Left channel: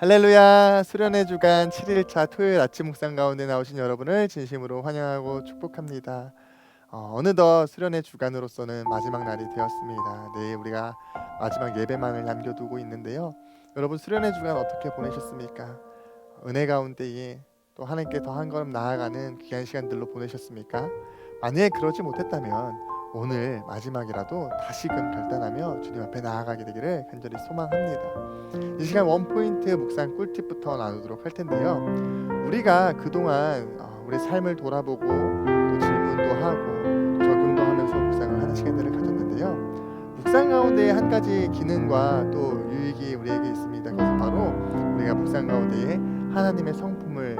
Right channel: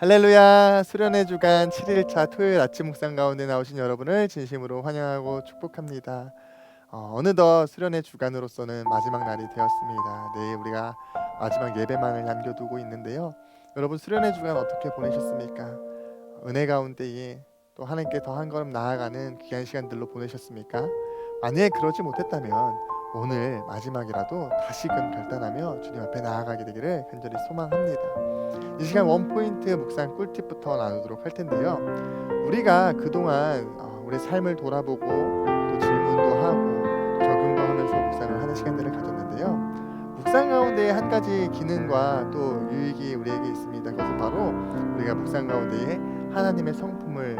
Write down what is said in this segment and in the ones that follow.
할렐루야 수련의 주간 7일차 토요일 아침 묵상 가운데 나오신 여러분을 진심으로 환영하고 축복합니다. 어, 어느덧 수련의 주간으로서는 마지막 날이 되었습니다. 내일 우리가 마지막 예배만을 남겨두고 있는데요. 여러분 수련의 주간 어떻게 보내셨습니까? 은혜 가운데에 또 하나님께 더 한 걸음 나아가는 귀한 시간들로 보내셨습니까? 만약에 그러지 못했다면 오늘 마지막이라도 다시금 결단하며 주님 앞에 나아가게 되기를 간절히 소망합니다. 이 시간 원 포인트 묵상 꿀팁부터 나누도록 할 텐데요. 우리가 그동안 어, 우리 삶을 돌아보고 또 질문도 하고 또 적용도 하면서 묵상을 하는 시간들을 가졌는데요. 묵상 가운데 한 가지 기능과 또 유익이 우리에게 있습니다. 그것은 바로 우리가 묵상 가운데에 하나님의 성품을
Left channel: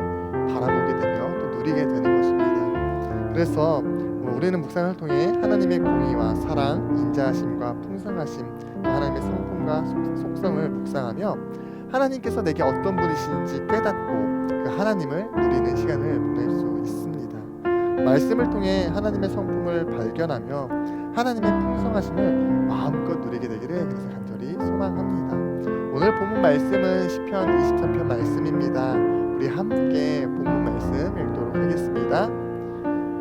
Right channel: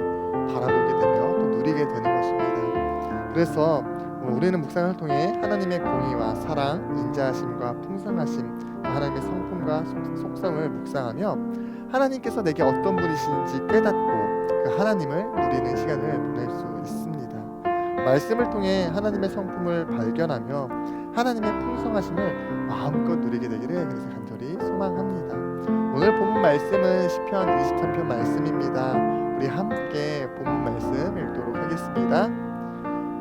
바라보게 되며 또 누리게 되는 것입니다. 그래서 어, 우리는 묵상을 통해 하나님의 공의와 사랑, 인자하심과 풍성하심, 또 하나님의 성품과 속- 속성을 묵상하며 하나님께서 내게 어떤 분이신지 깨닫고 그 하나님을 누리는 시간을 보낼 수 있습니다. 말씀을 통해 하나님의 성품을 발견하며 하나님의 풍성하심을 마음껏 누리게 되기를 그래서 간절히 소망합니다. 오늘 본문 말씀은 시편 23편 말씀입니다. 우리 함께 본문 말씀 읽도록 하겠습니다.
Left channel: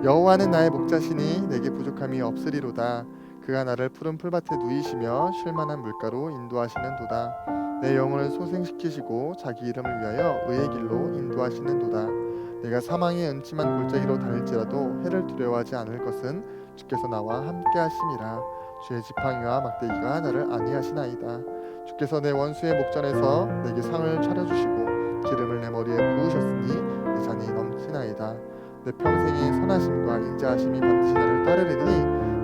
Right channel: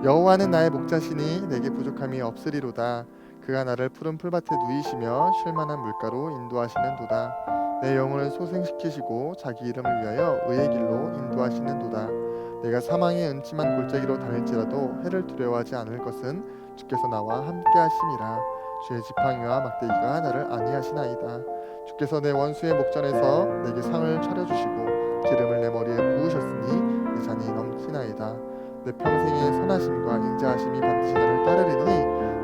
여호와는 나의 목자시니 내게 부족함이 없으리로다. 그가 나를 푸른 풀밭에 누이시며 쉴만한 물가로 인도하시는도다. 내 영혼을 소생시키시고 자기 이름을 위하여 의의 길로 인도하시는도다. 내가 사망의 은침한 골짜기로 다닐지라도 해를 두려워하지 않을 것은 주께서 나와 함께 하심이라. 주의 지팡이와 막대기가 나를 안위하시나이다. 주께서 내 원수의 목전에서 내게 상을 차려주시고 기름을 내 머리에 부으셨으니 내 잔이 넘치나이다. 내 평생의 선하심과 인자하심이 반드시 나를 따르리니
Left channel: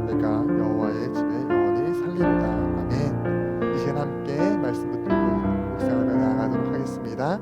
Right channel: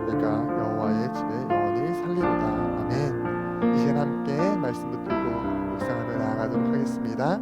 내가 여호와의 집에 영원히 살리로다. 아멘. 이 시간 함께 말씀 붙들고 묵상하며 나아가도록 하겠습니다.